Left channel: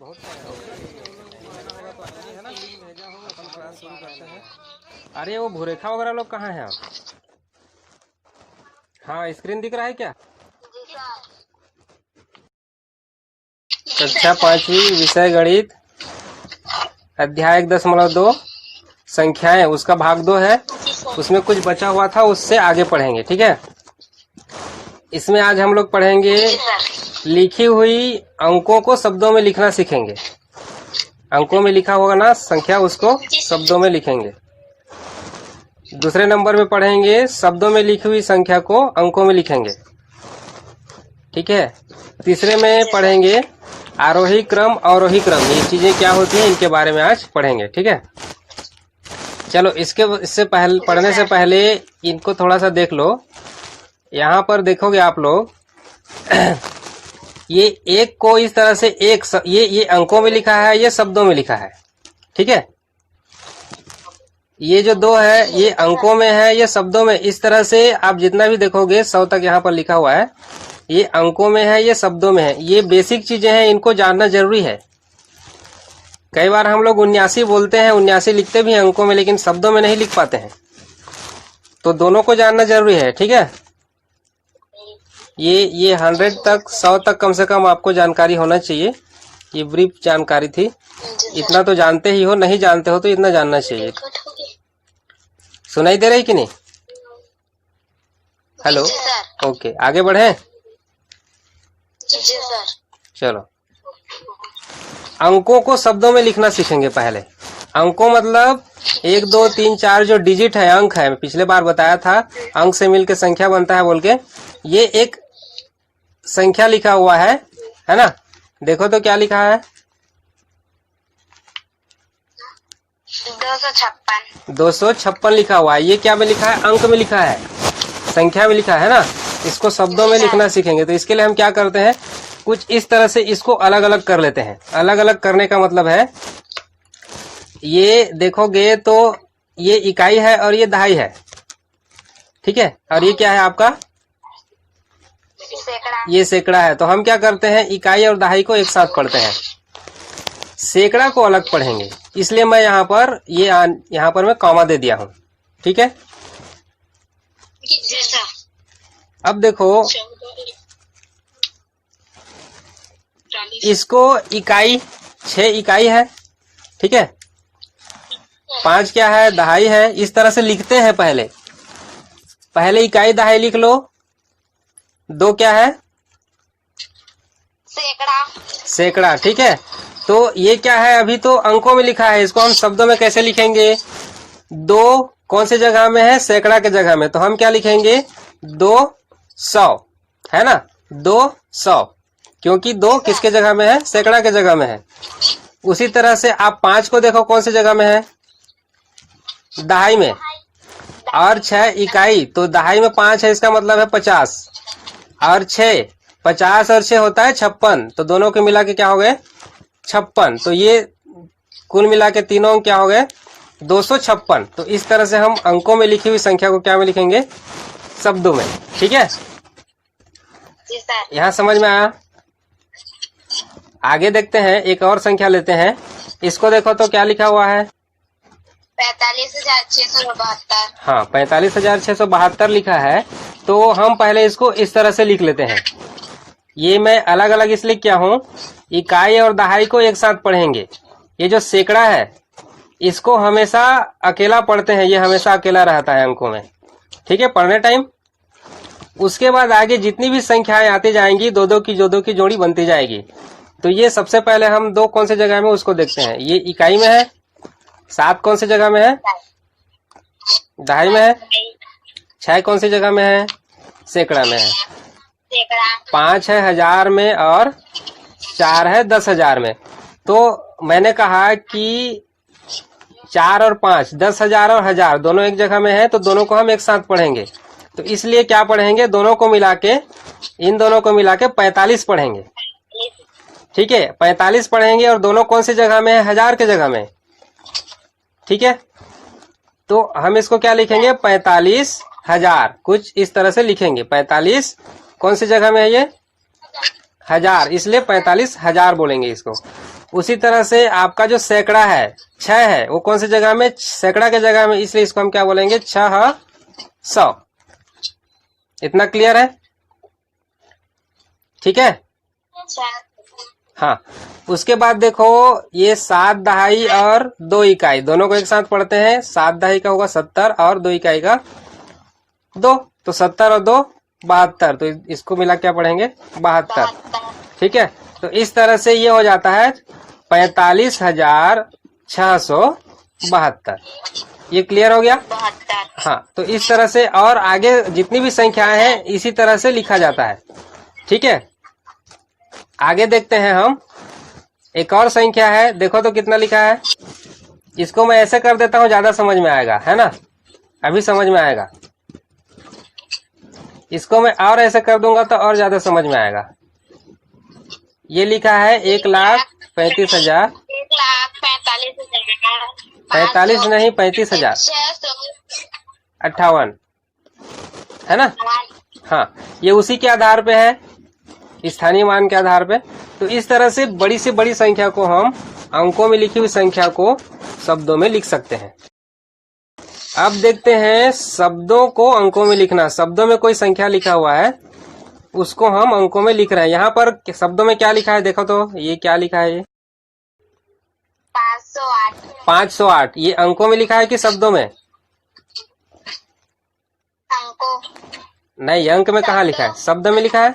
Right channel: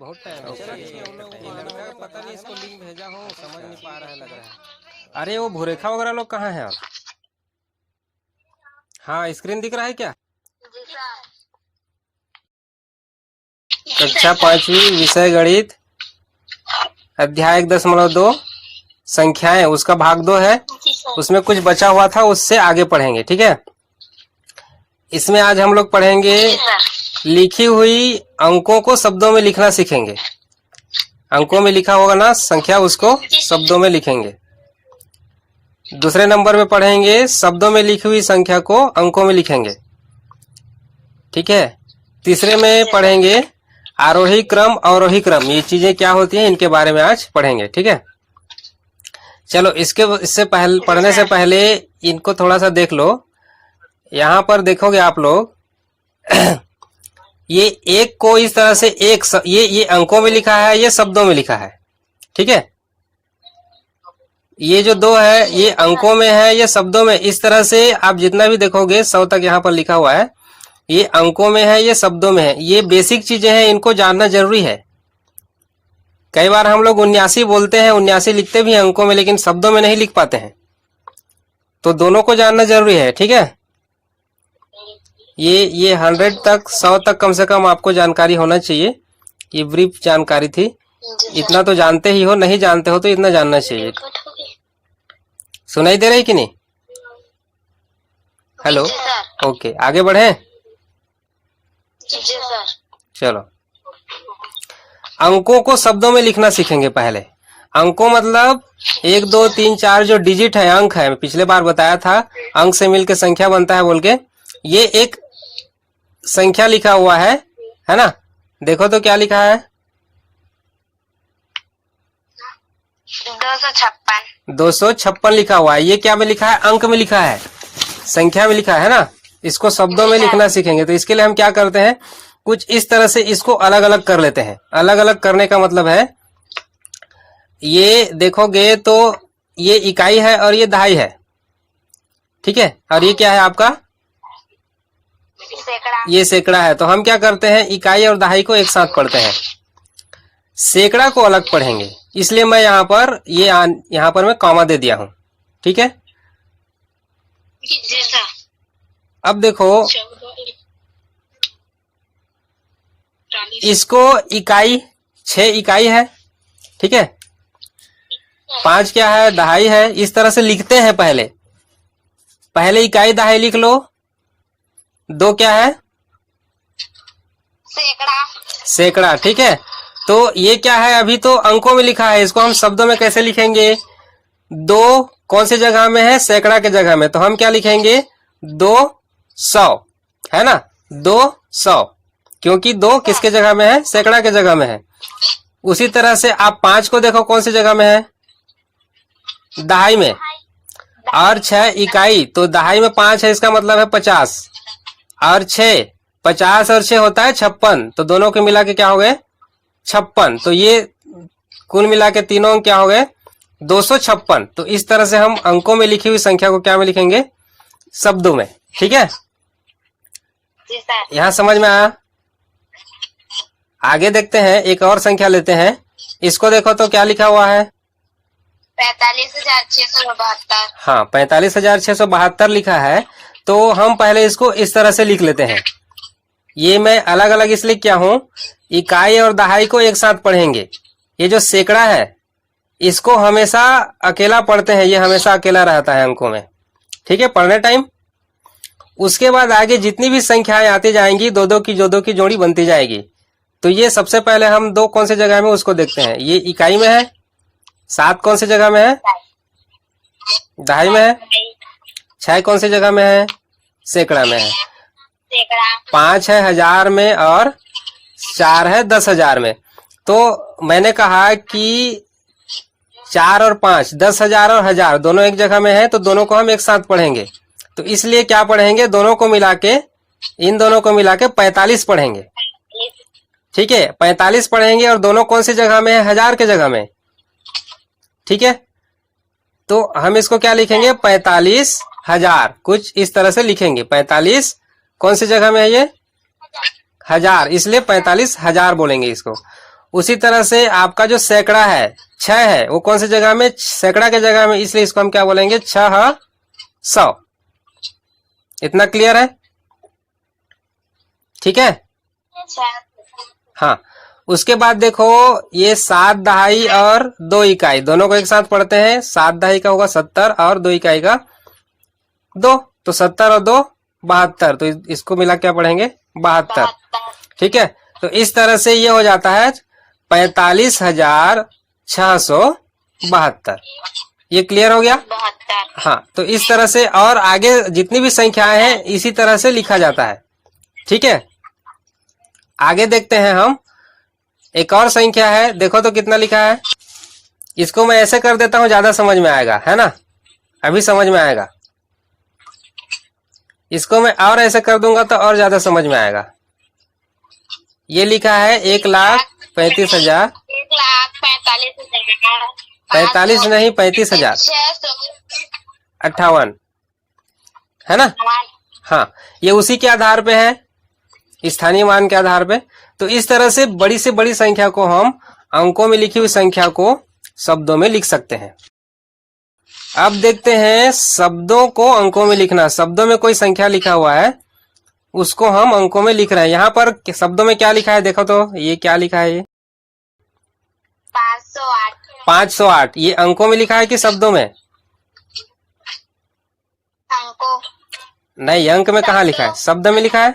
बहुत टाइम हो गया ये लड़का पता नहीं इसको लिंक भेजा हो समझ नहीं पा रहा है। अरे वो भूरेखा वगैरह लोग कहाँ हैं आप? हाँ स्क्रीन दिख रहा है क्या? जी सर। कक्षा 5वीं विषय गणित अध्याय 1.2 संख्याएं उसका भाग 2 है। उसमें कुछ बचा हुआ था उससे आगे पढ़ेंगे, ठीक है। इसमें आज हम लोग पढ़ेंगे लिखी हुई अंकों को शब्दों में लिखना सीखेंगे। अंकों में लिखा होगा ना संख्या, उसको शब्दों में लिखेंगे। दूसरे नंबर पे पढ़ेंगे शब्दों में लिखी हुई संख्या को अंकों में लिखेंगे, ठीक है। तीसरे में पढ़ेंगे आरोही क्रम अवरोही क्रम, ये चीजें क्या होती हैं इनके बारे में आज पढ़ेंगे, ठीक है। चलो इससे पहले पढ़ने से पहले इनको थोड़ा सा देख लो। यहाँ पर देखोगे आप लोग ये एक को इस तरह से ये अंकों में लिखा है, ये शब्दों में लिखा है, ठीक है। ये जो 2 है ये अंकों में है, ये शब्दों में। इस तरह से आप जितना भी देखोगे 100 तक यहाँ पर लिखा हुआ है, ये अंकों में है, ये शब्दों में है। ये बेसिक चीजें हैं, इनको जानना जरूरी है। कई बार हम लोग 79 बोलते हैं, 79 लिखते भी हैं अंकों में, लेकिन शब्दों में नहीं लिख पाते हैं। तो दोनों को जानना जरूरी है, ठीक है। ये 100 तक 100 तक कम से कम आपको जानकारी होना चाहिए। ये ब्रीफ जानकारी थी, इतना तो जानते ही हो, नहीं जानते हो तो इतना जानना चाहिए। सुनाई दे रही कि नहीं? हेलो, ओके, आगे बढ़े। जी सर। चलो अंकों को शब्दों में लिखना सीखेंगे पहले। अंकों मतलब 1 2 3 4 जो डिजिट है, अंक है। पिछले बार बताया था अंक से मिलकर संख्या बनता है बोल के। ये एक संख्या लिखा हुआ है ना। देखो तो क्या लिखा है? 256 लिखा हुआ है। ये क्या में लिखा है? अंक में लिखा है, संख्या में लिखा है ना। इसको शब्दों में लिखना सीखेंगे। तो इसके लिए हम क्या करते हैं, कुछ इस तरह से इसको अलग अलग कर लेते हैं। अलग अलग करने का मतलब है, ये देखोगे तो ये इकाई है और ये दहाई है, ठीक है। और ये क्या है आपका? ये सैकड़ा है। तो हम क्या करते हैं, इकाई और दहाई को एक साथ पढ़ते हैं, सैकड़ा को अलग पढ़ेंगे। इसलिए मैं यहाँ पर मैं कॉमा दे दिया हूं, ठीक है। अब देखो इसको इकाई 6 इकाई है, ठीक है। 5 क्या है? दहाई है। इस तरह से लिखते हैं। पहले इकाई दहाई लिख लो। 2 क्या है? सैकड़ा, ठीक है। तो ये क्या है? अभी तो अंकों में लिखा है, इसको हम शब्दों में कैसे लिखेंगे? 2 कौन सी जगह में है? सैकड़ा के जगह में। तो हम क्या लिखेंगे? 200, है ना। 200, क्योंकि 2 किसके जगह में है? सैकड़ा के जगह में है। उसी तरह से आप 5 को देखो कौन सी जगह में है? दहाई में। और 6 इकाई, तो दहाई में 5 है, इसका मतलब है 50। और 6, 50 और 6 होता है 56। तो दोनों के मिला के क्या हो गए? 56। तो ये कुल मिला के तीनों अंक क्या हो गए? 256। तो इस तरह से हम अंकों में लिखी हुई संख्या को क्या में लिखेंगे? शब्दों में, ठीक है। यहाँ समझ में आया? आगे देखते हैं, एक और संख्या लेते हैं। इसको देखो तो क्या लिखा हुआ है? 45,672। हाँ, 45,672 लिखा है। तो हम पहले इसको इस तरह से लिख लेते हैं। ये मैं अलग अलग इसलिए क्या हूँ, इकाई और दहाई को एक साथ पढ़ेंगे। ये जो सैकड़ा है इसको हमेशा अकेला पढ़ते हैं, ये हमेशा अकेला रहता है अंकों में, ठीक है, पढ़ने टाइम। उसके बाद आगे जितनी भी संख्याएं आती जाएंगी, 2-2 की जोड़ी बनती जाएगी। तो ये सबसे पहले हम 2 कौन सी जगह में उसको देखते हैं। ये इकाई में है। 7 कौन सी जगह में है? दहाई में है। 6 कौन सी जगह में है? सैकड़ा में है। 5 है 1000 में और 4 है 10,000 में। तो मैंने कहा कि 4 और 5, 10,000 और 1000 दोनों एक जगह में है, तो दोनों को हम एक साथ पढ़ेंगे। तो इसलिए क्या पढ़ेंगे? दोनों को मिला के, इन दोनों को मिला के 45 पढ़ेंगे, ठीक है। 45 पढ़ेंगे। और दोनों कौन सी जगह में है? 1000 के जगह में, ठीक है। तो हम इसको क्या लिखेंगे? 45,000, कुछ इस तरह से लिखेंगे। 45 कौन सी जगह में है? ये 1000, इसलिए 45,000 बोलेंगे इसको। उसी तरह से आपका जो सैकड़ा है 6 है, वो कौन सी जगह में, सैकड़ा के जगह में, इसलिए इसको हम क्या बोलेंगे 600। इतना क्लियर है? ठीक है। हाँ, उसके बाद देखो ये 7 दहाई और 2 इकाई दोनों को एक साथ पढ़ते हैं। 7 दहाई का होगा 70 और 2 इकाई का 2, तो 70 और 2 72, तो इसको मिला क्या पढ़ेंगे 72। ठीक है, तो इस तरह से ये हो जाता है 45,672। ये क्लियर हो गया? 72। हाँ, तो इस तरह से और आगे जितनी भी संख्याएं हैं इसी तरह से लिखा जाता है। ठीक है, आगे देखते हैं हम। एक और संख्या है, देखो तो कितना लिखा है। इसको मैं ऐसे कर देता हूं, ज्यादा समझ में आएगा, है ना? अभी समझ में आएगा। इसको मैं और ऐसे कर दूंगा तो और ज्यादा समझ में आएगा। ये लिखा है 1,35,000। 1,45,000। 45 नहीं, 35,000 58, है ना? हाँ, ये उसी के आधार पे है, स्थानीय मान के आधार पे। तो इस तरह से बड़ी से बड़ी संख्या को हम अंकों में लिखी हुई संख्या को शब्दों में लिख सकते हैं। अब देखते हैं शब्दों को अंकों में लिखना। शब्दों में कोई संख्या लिखा हुआ है, उसको हम अंकों में लिख रहे हैं। यहाँ पर शब्दों में क्या लिखा है देखो तो, ये क्या लिखा है? ये 508। 508। ये अंकों में लिखा है कि शब्दों में? अंकों नहीं, अंक में कहाँ लिखा है, शब्द में लिखा है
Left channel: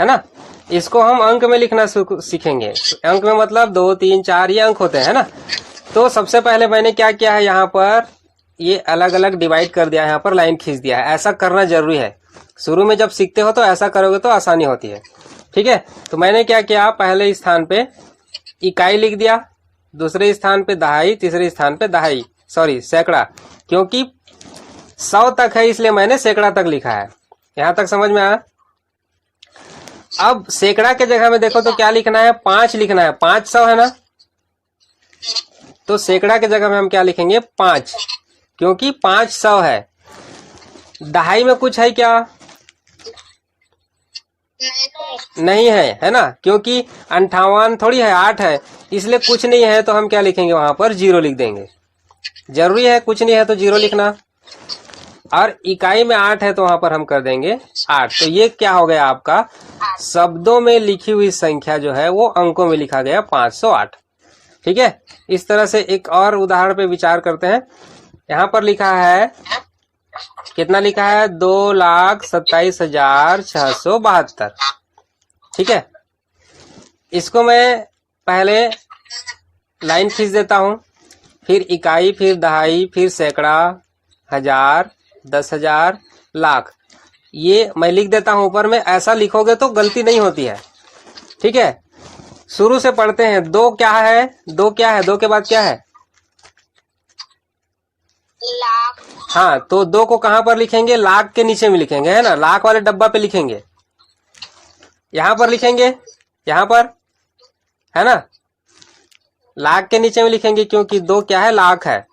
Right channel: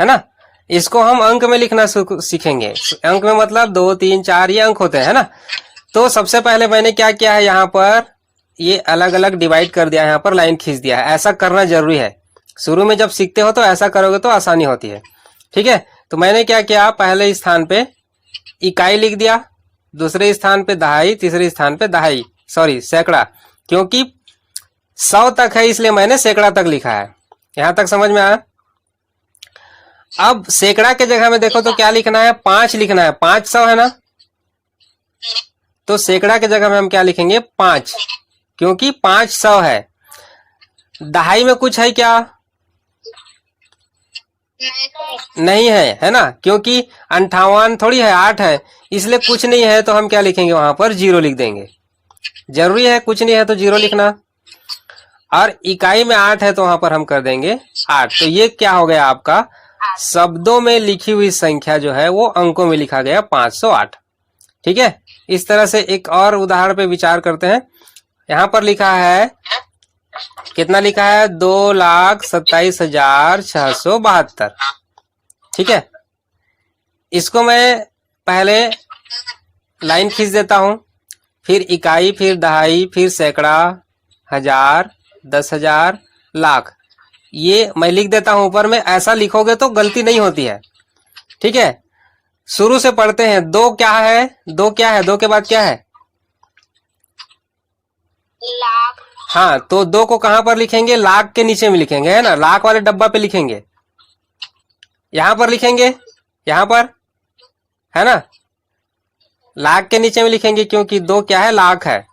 ना? इसको हम अंक में लिखना सीखेंगे। अंक में मतलब 2, 3, 4 ये अंक होते हैं ना। तो सबसे पहले मैंने क्या किया है, यहाँ पर ये अलग अलग डिवाइड कर दिया है, यहाँ पर लाइन खींच दिया है। ऐसा करना जरूरी है, शुरू में जब सीखते हो तो ऐसा करोगे तो आसानी होती है। ठीक है, तो मैंने क्या किया, पहले स्थान पे इकाई लिख दिया, दूसरे स्थान पे दहाई, तीसरे स्थान पे दहाई, सॉरी सैकड़ा, क्योंकि 100 तक है इसलिए मैंने सैकड़ा तक लिखा है। यहां तक समझ में आया? अब सैकड़ा के जगह में देखो तो क्या लिखना है, 5 लिखना है। 500 है ना, तो सैकड़ा के जगह में हम क्या लिखेंगे 5, क्योंकि 500 है। दहाई में कुछ है क्या? नहीं है, है ना? क्योंकि 58 थोड़ी है, 8 है, इसलिए कुछ नहीं है। तो हम क्या लिखेंगे, वहां पर 0 लिख देंगे। जरूरी है, कुछ नहीं है तो 0 लिखना। और इकाई में 8 है तो वहां पर हम कर देंगे 8। तो ये क्या हो गया आपका, शब्दों में लिखी हुई संख्या जो है वो अंकों में लिखा गया 508। ठीक है, इस तरह से एक और उदाहरण पे विचार करते हैं। यहाँ पर लिखा है, कितना लिखा है, 2,27,672। ठीक है, इसको मैं पहले लाइन खींच देता हूं, फिर इकाई, फिर दहाई, फिर सैकड़ा, हजार, 10,000, लाख, ये मैं लिख देता हूं ऊपर में। ऐसा लिखोगे तो गलती नहीं होती है। ठीक है, शुरू से पढ़ते हैं। 2 क्या है, 2 क्या है, 2 के बाद क्या है, लाख। हाँ, तो 2 को कहां पर लिखेंगे, लाख के नीचे में लिखेंगे, है ना? लाख वाले डब्बा पे लिखेंगे, यहां पर लिखेंगे, यहां पर, है ना? लाख के नीचे में लिखेंगे क्योंकि 2 क्या है, लाख है।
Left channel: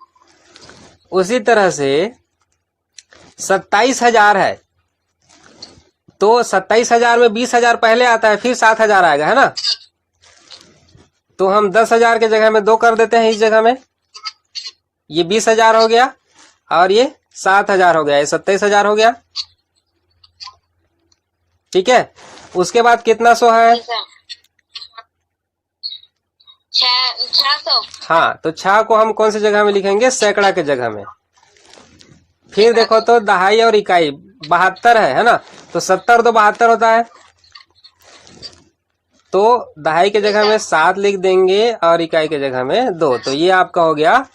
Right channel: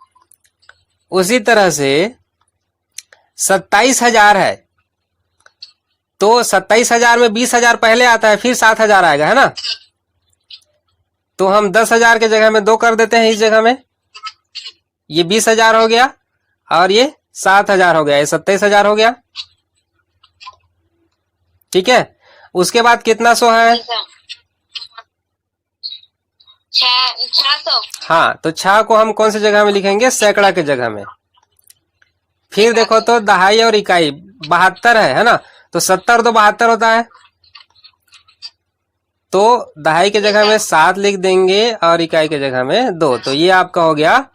उसी तरह से 27,000 है, तो 27,000 में 20,000 पहले आता है, फिर 7,000 आएगा, है ना? तो हम 10,000 के जगह में 2 कर देते हैं इस जगह में। ये 20,000 हो गया और ये 7,000 हो गया, ये 27,000 हो गया। ठीक है, उसके बाद कितना 100 है, 600। हाँ, तो 6 को हम कौन सी जगह में लिखेंगे, सैकड़ा के जगह में। फिर देखो तो दहाई और इकाई 72 है ना? तो 70 तो 72 होता है, तो दहाई के जगह में 7 लिख देंगे और इकाई के जगह में 2। तो ये आपका हो गया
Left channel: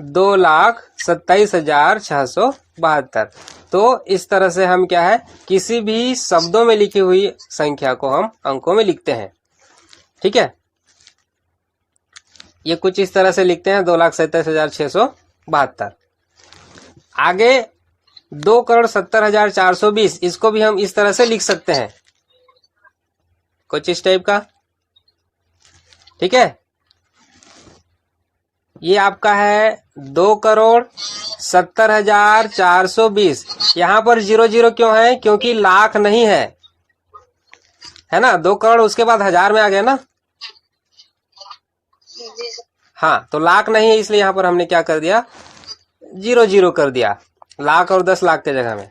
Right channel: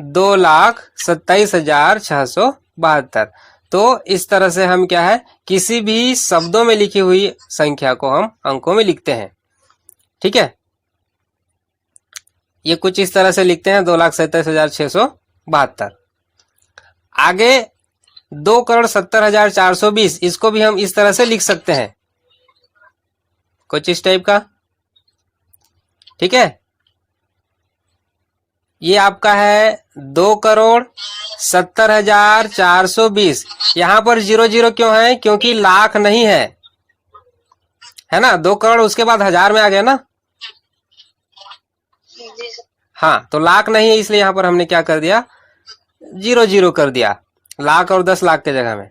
2,27,672। तो इस तरह से हम क्या है, किसी भी शब्दों में लिखी हुई संख्या को हम अंकों में लिखते हैं। ठीक है, ये कुछ इस तरह से लिखते हैं, 2,27,672। आगे 2,70,420, इसको भी हम इस तरह से लिख सकते हैं, कुछ इस टाइप का। ठीक है, ये आपका है 2,70,420। यहाँ पर 00 क्यों है, क्योंकि लाख नहीं है ना? 2 करोड़ उसके बाद हजार में आ गया ना, जी सर। हाँ, तो लाख नहीं है इसलिए यहाँ पर हमने क्या कर दिया, 0 कर दिया, लाख और 10 लाख के जगह में।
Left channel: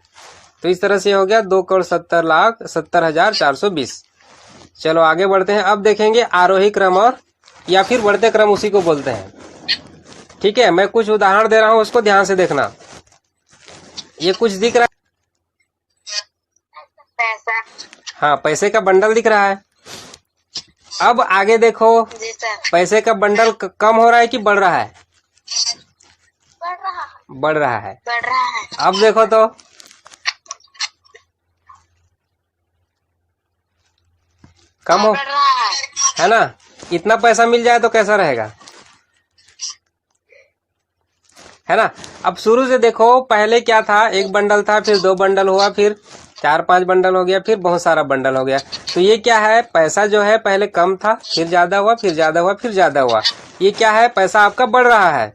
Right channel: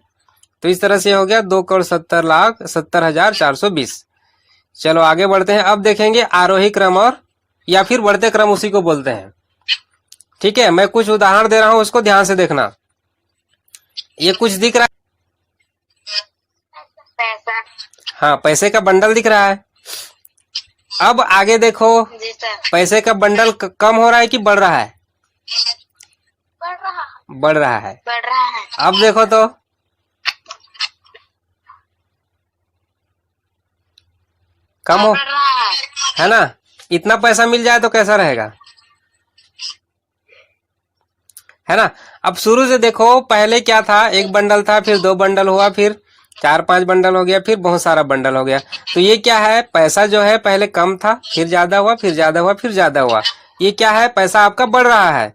तो इस तरह से हो गया 2,70,70,420। चलो आगे बढ़ते हैं। अब देखेंगे आरोही क्रम और या फिर बढ़ते क्रम, उसी को बोलते हैं। ठीक है, मैं कुछ उदाहरण दे रहा हूं, उसको ध्यान से देखना। ये कुछ दिख रहा है? पैसा। हाँ, पैसे का बंडल दिख रहा है। अब आगे देखो, जी सर। पैसे का बंडल कम हो रहा है कि बढ़ रहा है? बढ़ रहा है। बढ़ रहा है। बढ़ रहा है। अब देखो तो कम हो, बढ़ रहा है ना? इतना पैसा मिल जाए तो कैसा रहेगा, है ना? अब शुरू से देखो, पहले क्या था, एक बंडल था, फिर 2 बंडल हुआ, फिर 4-5 बंडल हो गया, फिर बहुत सारा बंडल हो गया। तो ये क्या है, पैसा जो है पहले कम था, फिर ज्यादा हुआ, फिर ज्यादा हुआ, फिर ज्यादा हुआ। ये क्या है, पैसा आपका बढ़ रहा है।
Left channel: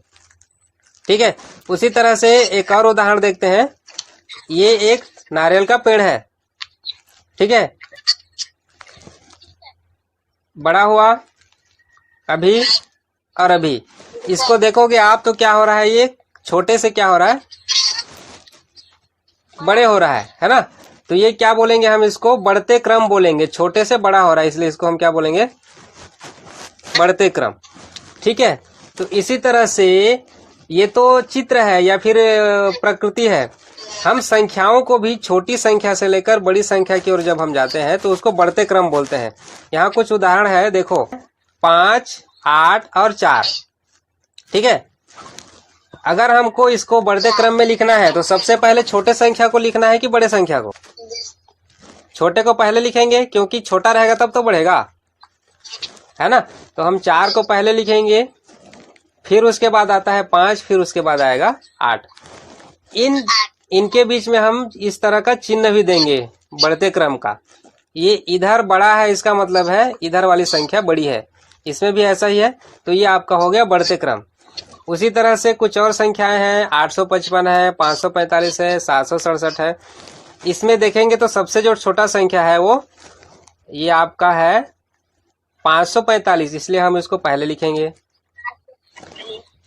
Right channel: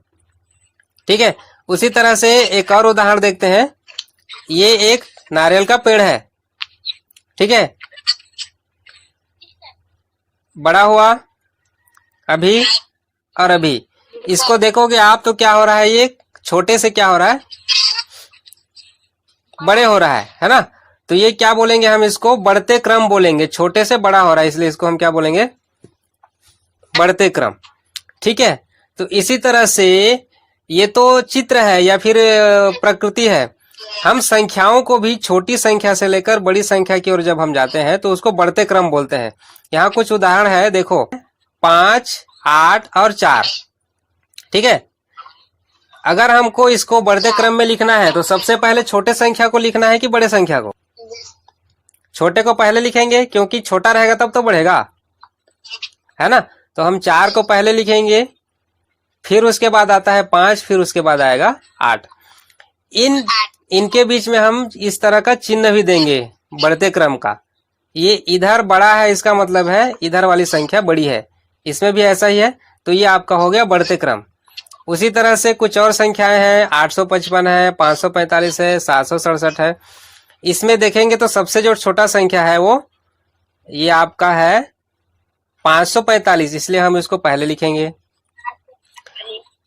ठीक है, उसी तरह से एक और उदाहरण देखते हैं। ये एक नारियल का पेड़ है, ठीक है, बड़ा हुआ अभी और अभी। इसको देखोगे आप तो क्या हो रहा है, ये छोटे से क्या हो रहा है, बड़े हो रहा है ना? तो ये क्या बोलेंगे हम, इसको बढ़ते क्रम बोलेंगे। छोटे से बड़ा हो रहा है, इसलिए इसको हम क्या बोलेंगे, बढ़ते क्रम। ठीक है, तो इसी तरह से ये तो चित्र है या फिर प्रकृति है। हम संख्याओं को भी छोटी संख्या से लेकर बड़ी संख्या की ओर जब हम जाते हैं तो उसको बढ़ते क्रम बोलते हैं। यहाँ कुछ उदाहरण है, देखो 5, 8 और 4। ठीक है, अगर हमको इसको बढ़ते क्रम में लिखना है तो सबसे पहले छोटे संख्या को लिखना है कि बड़े संख्या को? छोटे को पहले लिखेंगे, क्योंकि छोटा रहेगा तब तो बढ़ेगा, है ना? तो हम 4 को पहले लिखेंगे, फिर उसके बाद आता है 5, फिर उसके बाद आएगा 8। इनके बीच में हम इस तरह का चिन्ह भी देंगे बढ़ते क्रम का। ये इधर बड़ा है, इसका मतलब है इधर वाली संख्या बड़ी है। इसमें भी ऐसा ही है, तो ये आपका हो गया बढ़ते क्रम। उसी तरह से कुछ और संख्याएं हैं, 855 है, 545 है, 767 है। इसमें देखेंगे तो सबसे जो छोटा संख्या है वो ये आपका है 545, इसलिए हम इसको पहले लिखेंगे।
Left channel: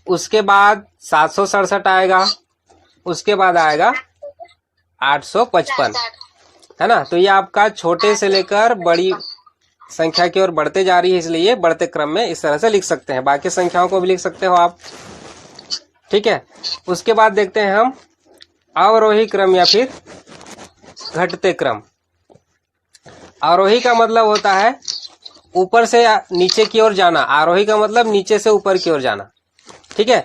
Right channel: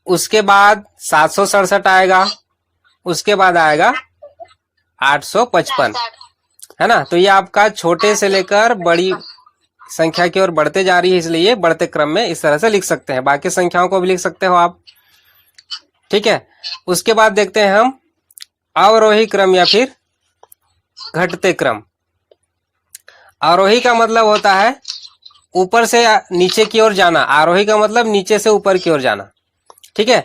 उसके बाद 767 आएगा, उसके बाद आएगा 855, है ना? तो ये आपका छोटे से लेकर बड़ी संख्या की ओर बढ़ते जा रही है, इसलिए बढ़ते क्रम में इस तरह से लिख सकते हैं। बाकी संख्याओं को भी लिख सकते हो आप। ठीक है, उसके बाद देखते हैं हम अवरोही क्रम या फिर घटते क्रम। आरोही का मतलब होता है ऊपर से नीचे की ओर जाना, आरोही का मतलब नीचे से ऊपर की ओर जाना। ठीक है,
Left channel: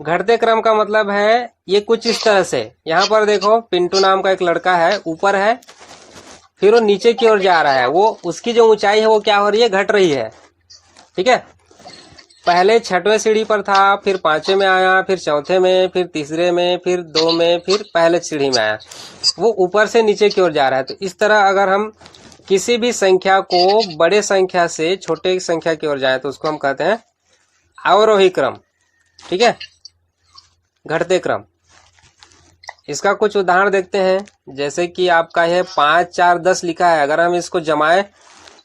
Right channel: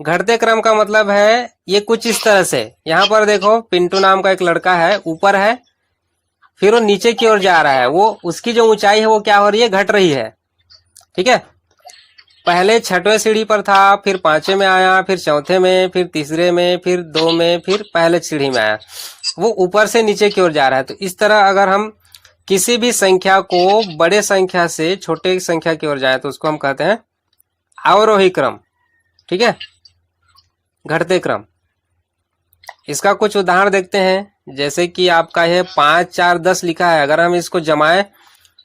घटते क्रम का मतलब है ये कुछ इस तरह से। यहाँ पर देखो, पिंटू नाम का एक लड़का है, ऊपर है, फिर वो नीचे की ओर जा रहा है। वो उसकी जो ऊंचाई है वो क्या हो रही है, घट रही है। ठीक है, पहले 6वें सीढ़ी पर था, फिर 5वें में आया, फिर 4थे में, फिर 3रे में, फिर 2 में, फिर पहले सीढ़ी में आया। वो ऊपर से नीचे की ओर जा रहा है। तो इस तरह अगर हम किसी भी संख्या को बड़े संख्या से छोटे संख्या की ओर जाए तो उसको हम कहते हैं अवरोही क्रम। ठीक है, घटते क्रम। इसका कुछ उदाहरण देखते हैं, जैसे कि आपका यह 5, 4, 10 लिखा है। अगर हम इसको जमाए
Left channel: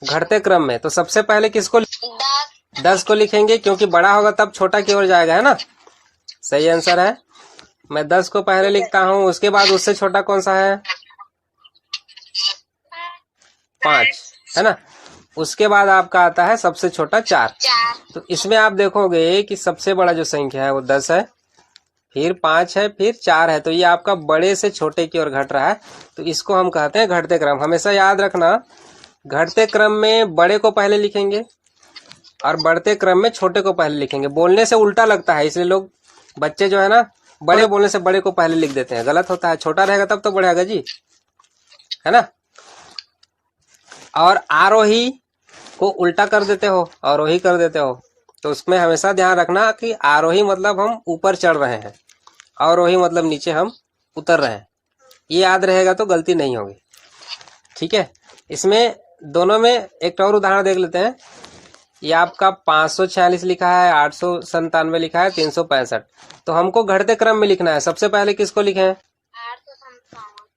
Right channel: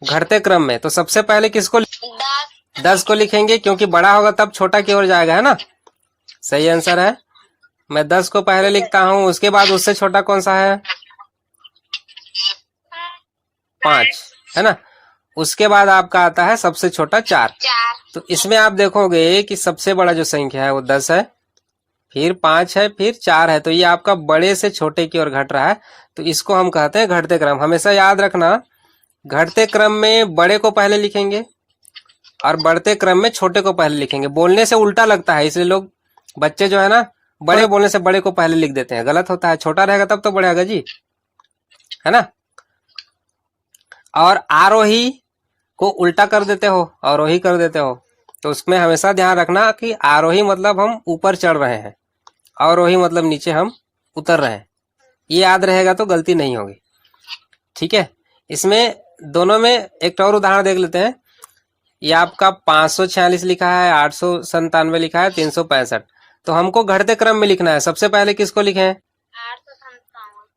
घटते क्रम में तो सबसे पहले किसको, 10 को लिखेंगे, क्योंकि बड़ा होगा तब छोटा की ओर जाएगा, है ना? सही आंसर है। मैं 10 को पहले लिखता हूं, उसके बाद उससे छोटा कौन सा है, 5, है ना? उसके बाद आपका आता है सबसे छोटा 4। तो इसमें आप देखोगे कि सबसे बड़ा जो संख्या है वो 10 है, फिर 5 है, फिर 4 है। तो ये आपका बड़े से छोटे की ओर घट रहा है। तो इसको हम कहते हैं घटते क्रम। हमेशा याद रखना, घटते क्रम में बड़े को पहले लिखेंगे और बढ़ते क्रम में छोटे को पहले लिखेंगे। बोलने से उल्टा लगता है, इसलिए लोग, बच्चे जो है ना, बड़े बोलने से बड़े को पहले लिख देते हैं। गलत होता है, छोटा रहेगा तब तो बढ़ेगा जी, है ना? और आरोही को उल्टा कर देते हो, अवरोही कर देते हो। तो उसमें हमेशा ध्यान रखना कि आरोही मतलब हम ऊपर चढ़ रहे हैं, अवरोही मतलब नीचे हम उतर रहे हैं। ये याद रहेगा तो गलती नहीं होगी। ठीक है, इसमें दोनों में एक और उदाहरण देख लेते हैं। ये आपका 546 लिखा है, 897 लिखा है, 365। तो हमको घटते क्रम में लिखना है। सबसे पहले किसको लिखें, 897।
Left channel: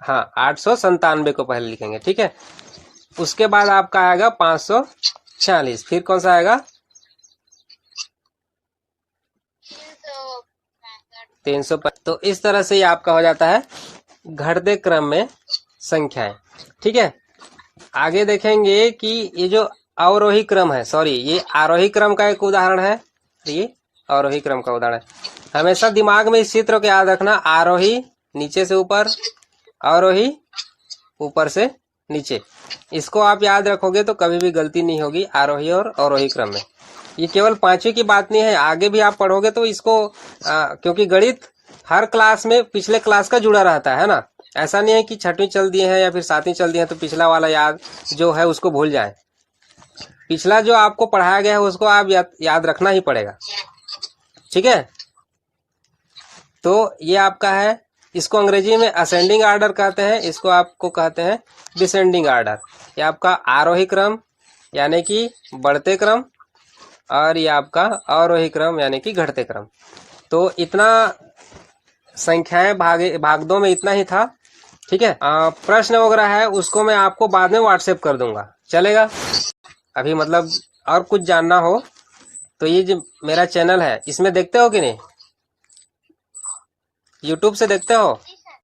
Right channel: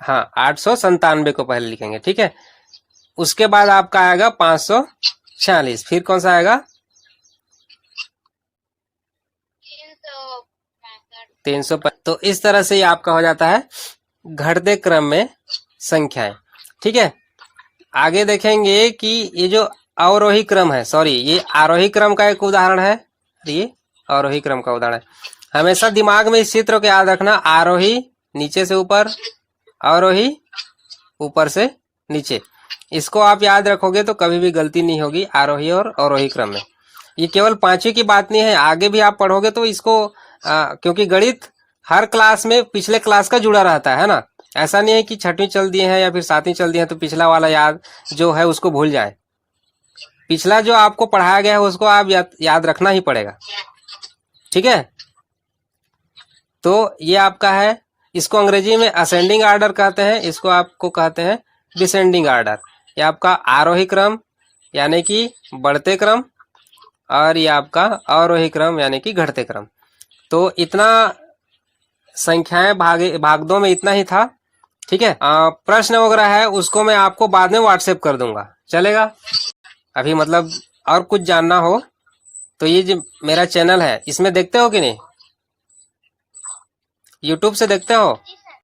हाँ, 897 को पहले लिखेंगे। ठीक है, उसके बाद आपका आएगा 546, फिर कौन सा आएगा 300। तो इस तरह से ये आपका हो जाता है घटते क्रम में संख्याएं। ठीक है, आगे देखेंगे कि ये जो अवरोही क्रम है, सॉरी ये आरोही क्रम का एक उदाहरण है, ये आरोही क्रम का उदाहरण। हमेशा दिमाग में इस चित्र को याद रखना, आरोही नीचे से ऊपर, अवरोही ऊपर से नीचे। इसको आप याद रखोगे तो कभी भी गलती नहीं होगी आरोही और अवरोही क्रम में। ये केवल 5वीं की बात नहीं है, आगे भी आप पढ़ोगे तो इसको क्योंकि गणित हर क्लास में पिछले क्लास का जुड़ा रहता है ना। ऐसा नहीं है कि 6वीं चल दिए हैं या फिर 7वीं चल दिए हैं तो पिछला वाला याद जो है उसको भूल जाए। पिछला जो आपको पढ़ाया गया है उसको आप याद रखना ही पड़ेगा। ठीक है, तो ये आपका है, इसको अंग्रेजी में असेंडिंग आर्डर कहते हैं, इसको आपको कहते हैं डिसेंडिंग आर्डर। ये आपका आरोही क्रम यानी कि बढ़ते क्रम, और ये आपका अवरोही क्रम यानी कि घटते क्रम। तो इतना संख्याएं भागों में इतना ही था। ठीक है, प्रश्न वगैरह है उसको मैं आपको बाद में व्हाट्सएप कर दूंगा, चलेगा? अभी मतलब और कुछ जानना हो तो ये जो मेरा चैनल है इसमें देखते हो कि नहीं, यूट्यूब से देखते हो?